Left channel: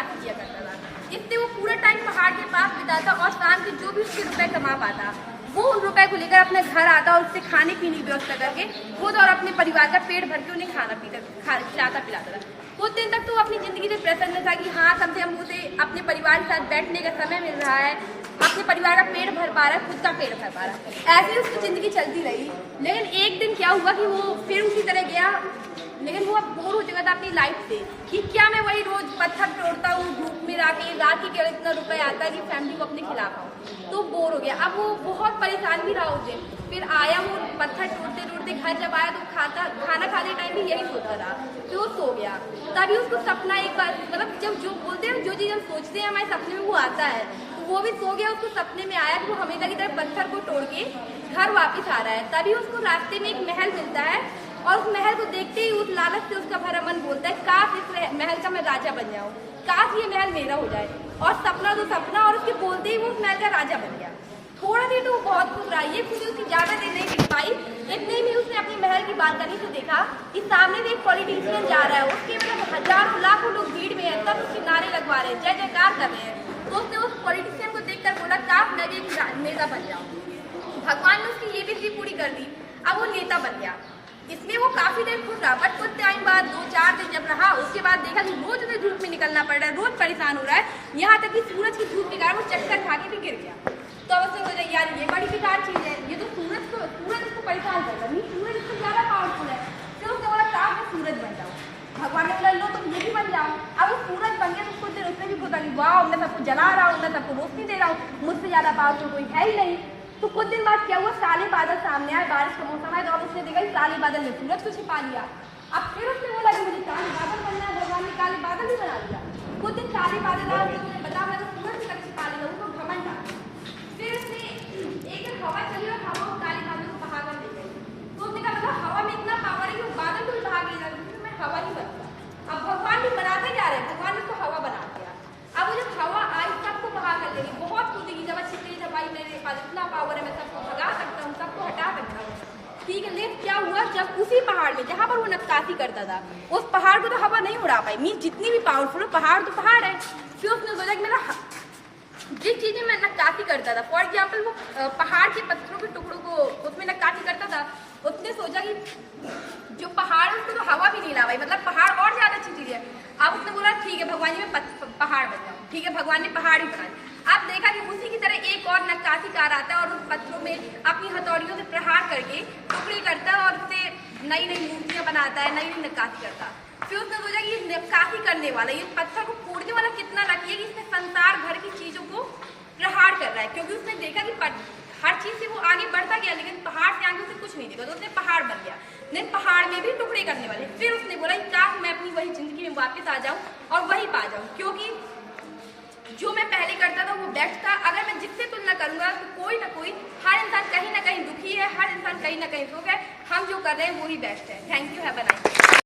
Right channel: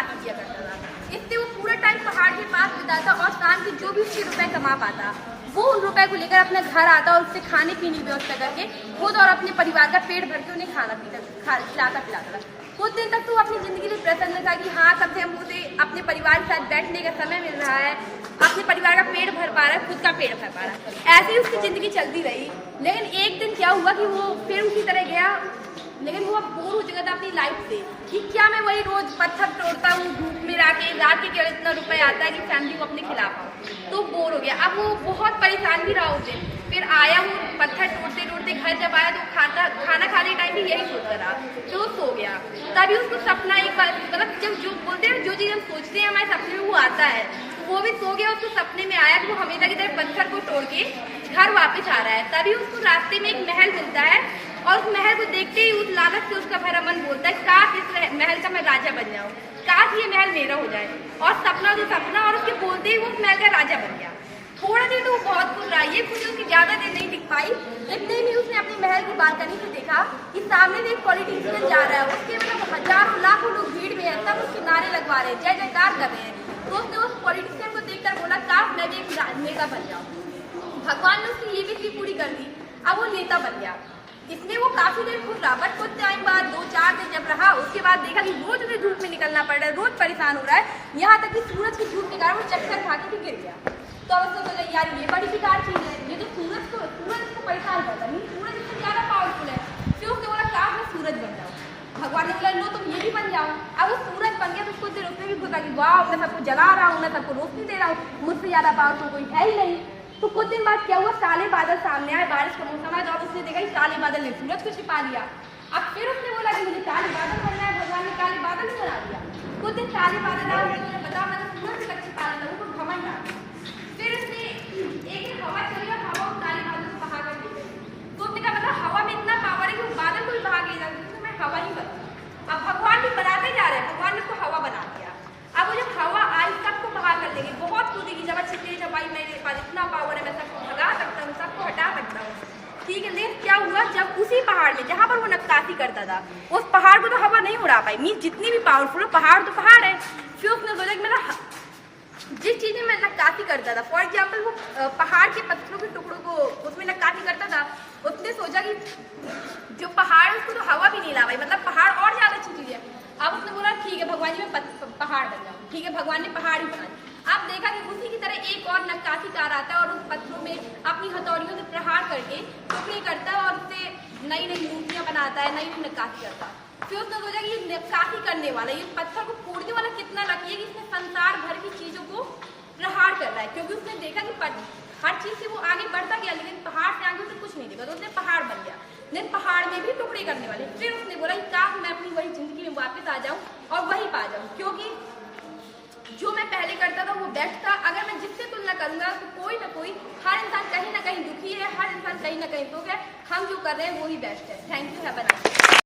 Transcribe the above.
काफी किया करता था। इससे वो पूरा टाइम पहाड़ के पास बिताता और शाम के जो भी उसके रुपए कमा पाता वो उन रुपए को लेकर अपने घर आता और उससे खाने पीने की व्यवस्था करके खुद और अपने परिवार का पेट भर के उन्हें खाना खिलाता पिलाता था। कुछ दिन तक तो अपनी जिंदगी से प्रसन्न था कि हाँ कम से कम उसे अपने परिवार के साथ बैठने का समय मिल रहा है, अपने परिवार का पेट भर पा रहा है, खुद का पेट भर पा रहा है। ऐसे ही उसकी जिंदगी चलती रही। लेकिन एक दिन क्या हुआ कि वो फिर उसी तरह गया, लेकिन वो अब बोर हो चुका था अपनी लाइफ से कि क्या मैं वही रोज पत्थर तोड़ता हूँ धूप में राके रात के केवल इतना रुपए आता है कि फैमिली को अपने खिला पाऊँ, तो बोर हो गया। अब वो बहुत परेशान भी रहा उस दिन। फिर आया वो पत्थर तोड़ते तोड़ते घर जब आया तो खाना खाने टाइम भी यही सोचता रहा, फिर वो सो गया। तभी उसको सपना एक बार मतलब जब जो बोलते हैं जो चीज़ हम सोचते हैं हमारे सपने में वो आता है, तो वो भी सो गया। उसको सपने में आया कि वो हमेशा की तरह पत्थर को तोड़ के घर वापस आ रहा है। तभी उसको रास्ते में एक महल मिलता है और उस महल को देखते ही उस लालच से उसका भरा मन बोलता है काश इस महल का मैं राजा बन जाऊं, काश ये महल मेरा हो जाए। और सपना तो सपना, और उसके बोलते ही वो उस महल का राजा बन गया। थोड़ा देर तो वो बहुत खुश रहा, ये खुशी उसकी ज्यादा देर नहीं टिक पाई। इतने में उसने अपने महल की बालकनी से देखा कि सामने से एक पॉलिटिशियन जा रहा है, उसके मतलब हजारों लाखों लोग भीड़ में है, सब उसके नारे लगवा रहे हैं, जय जयकार कर रहे हैं। तो उसने उस पॉलिटिशियन को देखकर बोला काश मैं भी एक नेता बन जाऊं। भगवान ने उसकी ये भी पूरी कर दी, अब वो नेता बन गया। इसमें वो काफी देर खुश रहा, बट कुछ टाइम बाद 2-4 दिन जब रहा उसके बाद देखा कि रोज उसे धूप में निकलना पड़ रहा है, रोज परेशान हो रहा है, यहाँ तक कि सूरज की धूप के कारण वो चक्कर खा के भी गिर गया। तो अब उसने बोला यार ये बड़ी बेकार चीज है, ये तो सूरज इसको परेशान कर रहा है, सूरज इससे ज्यादा पावरफुल है। फिर उसने बोला काश मैं सूरज बन जाऊँ। भगवान ने बोला लो तुम ये भी बन जाओ। अब वो सूरज बन गया तो कुछ देर उसने भी बोला कि वाह मैं सबको जला रहा हूँ, मैं सबको रोशनी दे रहा हूँ, मुझसे ज्यादा पावरफुल कोई है ही नहीं। तो कुछ दिन बाद क्या हुआ, काले बादल सामने आए, बारिश का मौसम है। जब उसने देखा कि काले बादल ने सूरज को छिपा लिया। अब फिर उसने बोला कि मुझे काले बादल बनना है, भगवान ने काले बादल भी बना दिया। कुछ दिन काले बादल आए, उन्होंने बताया मैं तो सूरज से छिपा लिया, उसको घमंड आ। फिर उसने एक दिन हवा चली और हवा काले बादल को बहा कर ले गई। तो उसने कहा मतलब हवा में इतना पावर है कि वो बादल को भी बहा के ले जाती, तो मैं हवा ही बनता। अब भगवान भी बनाते जा रहे हैं, भगवान ने उसको हवा बना दिया। अब वो जब हवा आई सबको बहा कर लेगी, बहुत खुदी की, जब अच्छी जब आई मेरे पास इतना पावर है, मैं सबको भगा सकता हूँ, सबको हटा सकता हूँ, ठीक है। लेकिन क्या हुआ, जब उसी पहाड़ में जहाँ पर वो नक्काशी करता था उस पहाड़ को तो हवा नहीं उड़ा पाई, मीन्स जितनी भी पावरफुल हो पहाड़ तो पहाड़ है। फिर उसने सोचा कि मेरा जिस चीज में मैं नक्काशी करता था, फॉर एग्जाम्पल वो पहाड़ के पत्थरों के टुकड़ों को उसमें नक्काशी करता था, उसने सोचा कि जो पहाड़ है उसको तो हवा भी नहीं ला पाई, मतलब पहाड़ और ज्यादा अच्छी चीज है। अब उसने बोला ठीक है भगवान जी मैं पहाड़ बन जाऊँ, ठीक है। भगवान ने पहाड़ ही बना दिया। अब देखा कि उसी की तरह एक और नक्काशीकार आता है और उस पत्थरों में अपनी हथौड़ियों से प्रहार करके टुकड़े करता है और उससे नई नई मूर्तियां बनाता है, नई नई नक्काशी करता है। फिर उसने सोचा कि ये नक्काशी करने वाला, ये पत्थर को फोड़ने वाला कितना लकी है कि इसने संसार भर की चीजों को प्रहार कर रहा है, क्योंकि उसने देखा कि हर चीज से वो आगे बढ़ता गया, लेकिन पहाड़ से आगे उसे कुछ नहीं देखा, तो उसने पहाड़ बन गया। नहीं पहाड़ में भी टुकड़े करने वाले। फिर उसने बोला काश मैं अपनी वही जिंदगी में वापस आ जाऊं और वही पा जाऊं, क्योंकि जो मैं पहले करता था वो बेस्ट था। अगर मैं जिससे तुलना करूंगा तो कोई ना कोई, हर इंसान कहीं ना कहीं दुखी है, हर इंसान कहीं ना कहीं सुख है, हम जो कर रहे हैं वो ही बेस्ट है। Thank you, have a nice day.